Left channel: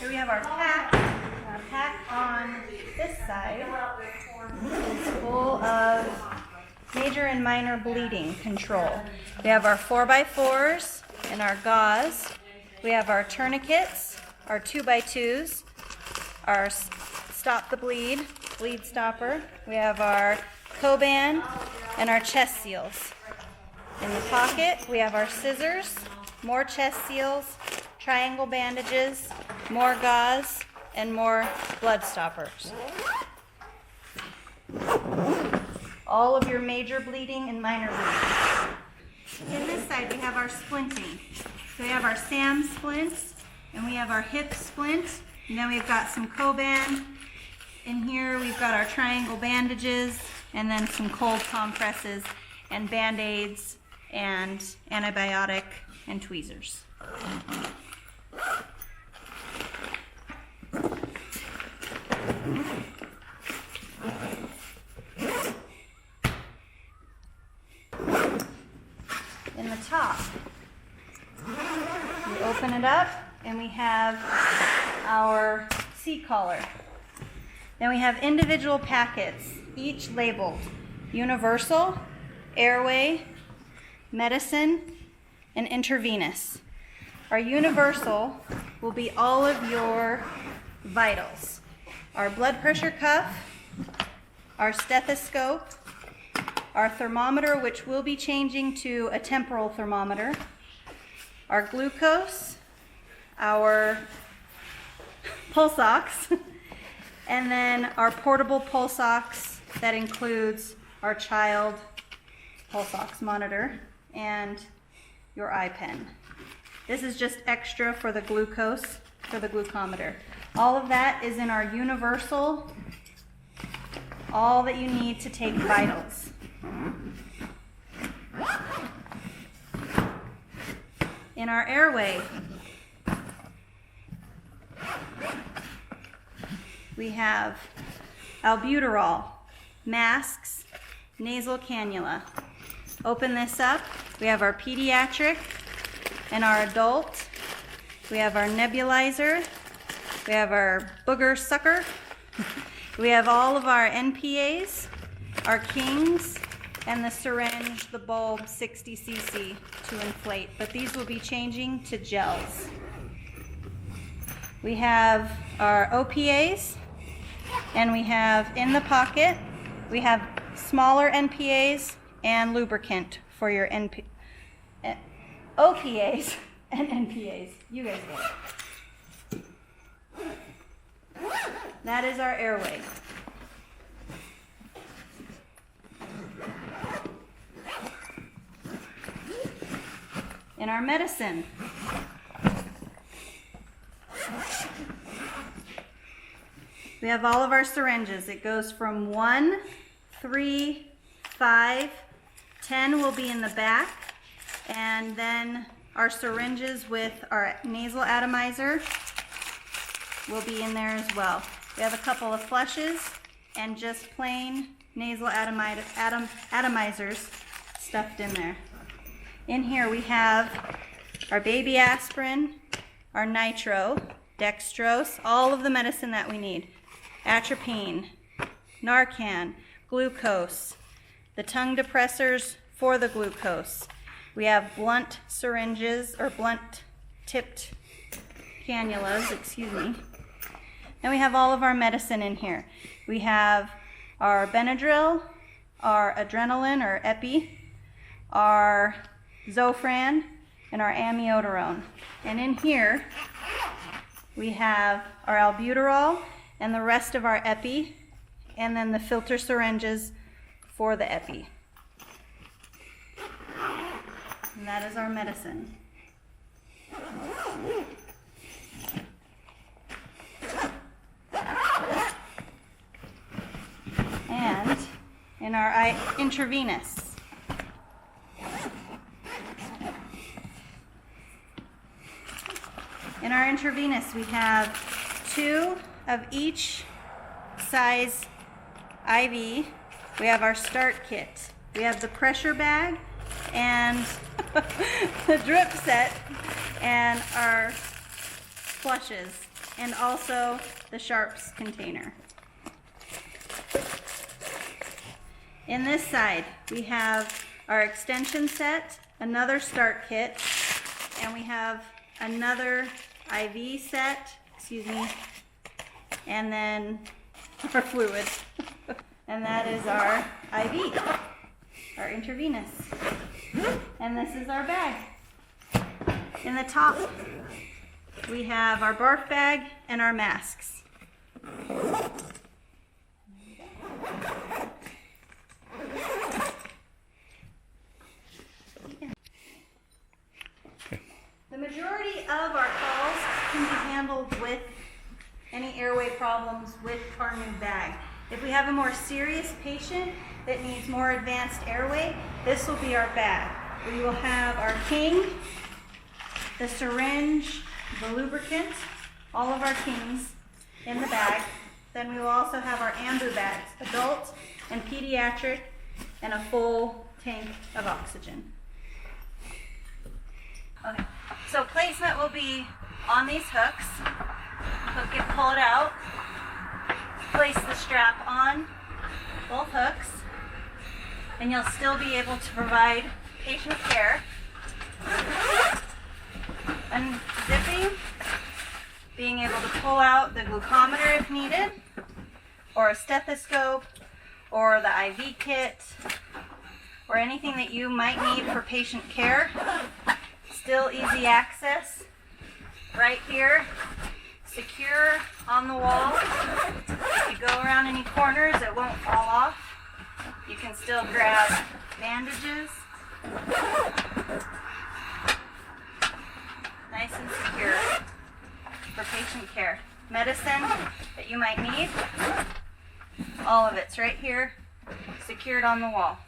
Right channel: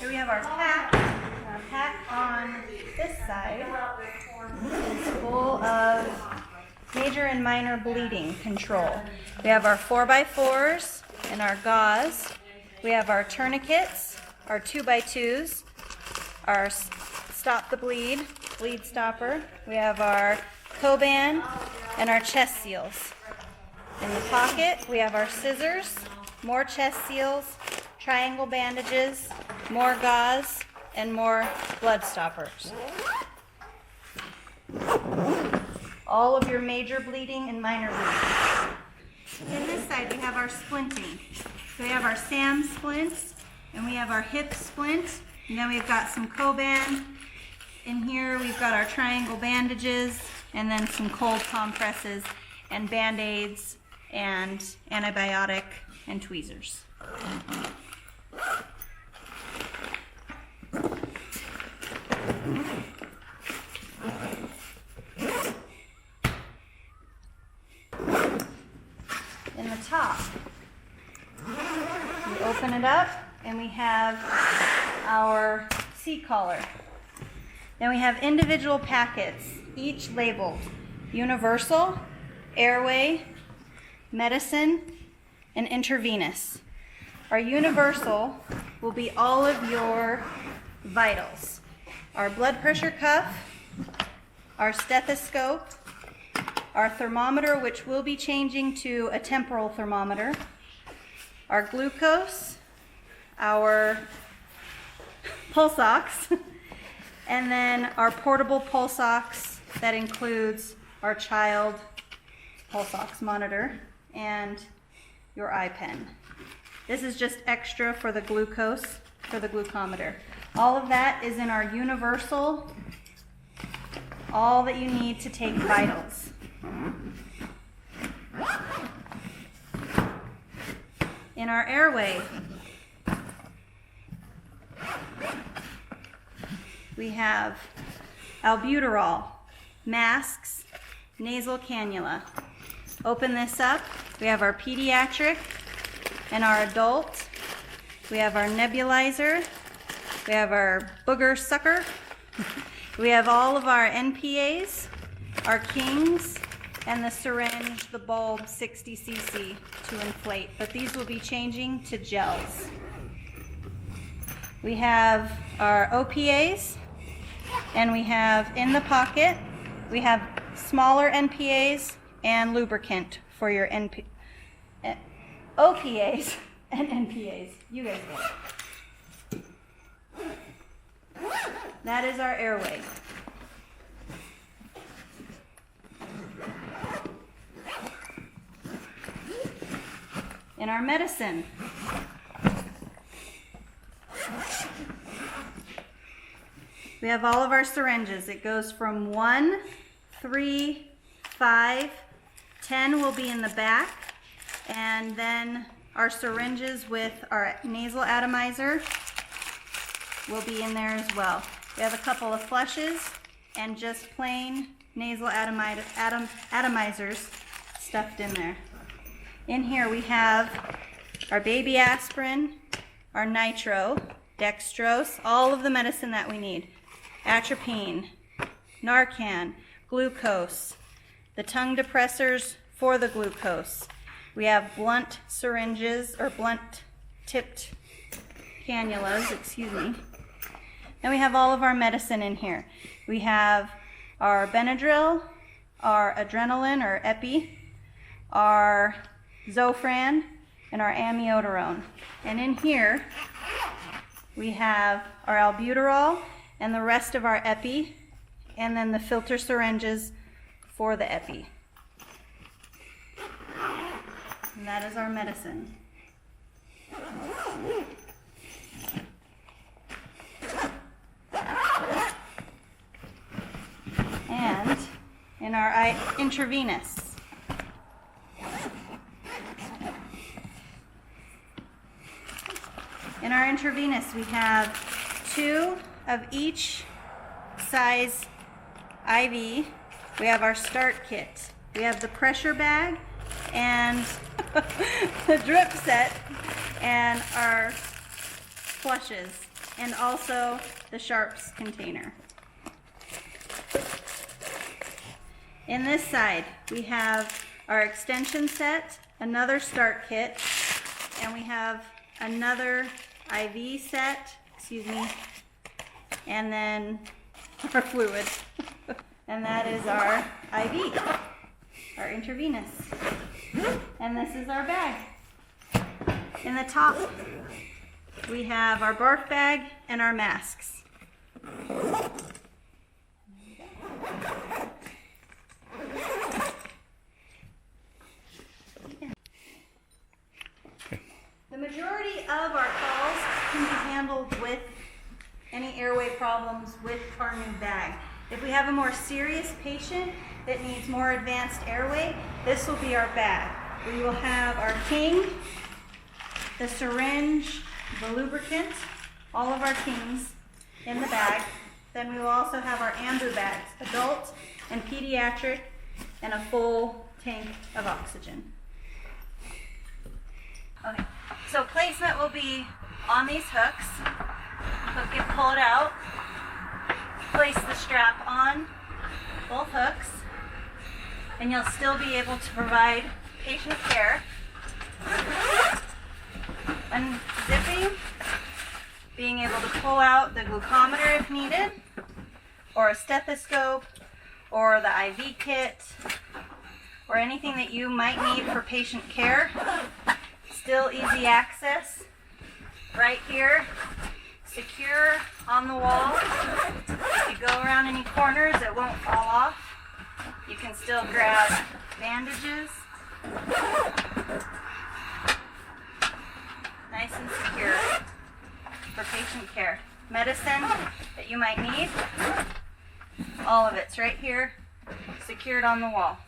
Here we have our pack. Our pack on this side is full of major and minor bleeding control. We have our 4x4s and our gauze. We have our tourniquets, our 2x2s, our stop the bleed stopper. We have our Coban and our chest seals. In the pocket, we have our scissors, more chest seals, triangle bandages, more gauze, and more blood stoppers. All of your major bleeding and minor bleeding. In this side, we have our splinting. So we have our SAM splints, and we have our hip splints, and then we've got some Coban. In here, we've got our triangle bandages, and then some cold compresses, and Band-Aids, and antibiotic, and tweezers. In the top, we open it up and we have our seat collar. Then we have individual packets, each labeled universal, airway, medicine, and intravenous. Our universal will be all of your vitals. Our blood pressure cuff, our stethoscope, our thermometer, which will be changing to a temporal thermometer, our glucose, our pulse ox, and then our portable pulse ox that includes our child pulse ox monitor and your iPen. This is just extra for the glucose, for the glucometer. All of that is in our universal, all that you need to take vitals. In our airway, we have albuterol, masks, nasal cannula. Open this up. We have our pediatric and our adult. We have our nebulizer. We have our booger sucker. We have all of our NPAs, our Kings, and the syringe, the bulb, 60 cc to inflate. But these will be changing to gels. We have our OPAs, and we have in the pocket, we have smaller NPAs and lubricant for your OPAs and NPAs. You guys get it. That is our airway. In our medicine, we have all of our syringes. It goes from 1, 3, 5, 10 will be in the back, and then our syringes with our nasal atomizer will be in there as well. We have a couple of flushes and just plain nasal atomizers stuffed in there. In here we have our baby aspirin, our nitro, dextrose, all of the medicine that we need. Atropine, Narcan, glucose, the tongue depressors for the glucose. We have blunt syringes, or blunt tipped cannulas, excuse me. And we have all of our medicine in here. We have our Benadryl, our adrenaline or epi, our Zofran, and our amiodarone. And in here we have our albuterol and the rest of our epi, and then the filter syringes for the epi. And that is our medicine. And in our intravenous, we have 2 of each size IV. We have our start kit. We have the pressure bag and the drip set and our flushes and also the sharps container. In this side, we have our extension set, another start kit, and we have another IV set, and then our fluid. And that is our IV, our intravenous. And this is our bag. In the top, we have our barf bag and our masks. The majority of our calls can be handled with any airway problems with our new bag. If we have a more serious patient that needs more advanced airway, this will be our bag. We will have our king, the syringe, the lubricant, all of our kings in the bag. Then we will also have our ambu bags, adult and pediatric, and a full tank of oxygen. Okay, so placement will be on these hooks. Hook it, pull it out. Place the strap on both hooks, and you'll still be able to provide patient care. Unzipping, being able to pull out the glucometer if needed, or a stethoscope, or the IV kit, or anything that you might need for patient care. Still easy access right here, secure on the wall. If you go around any corners, it won't fall off. You can still grab bandages. Nice and secure for patient care. Medicine that you might need, all of it's right here, secured on the wall.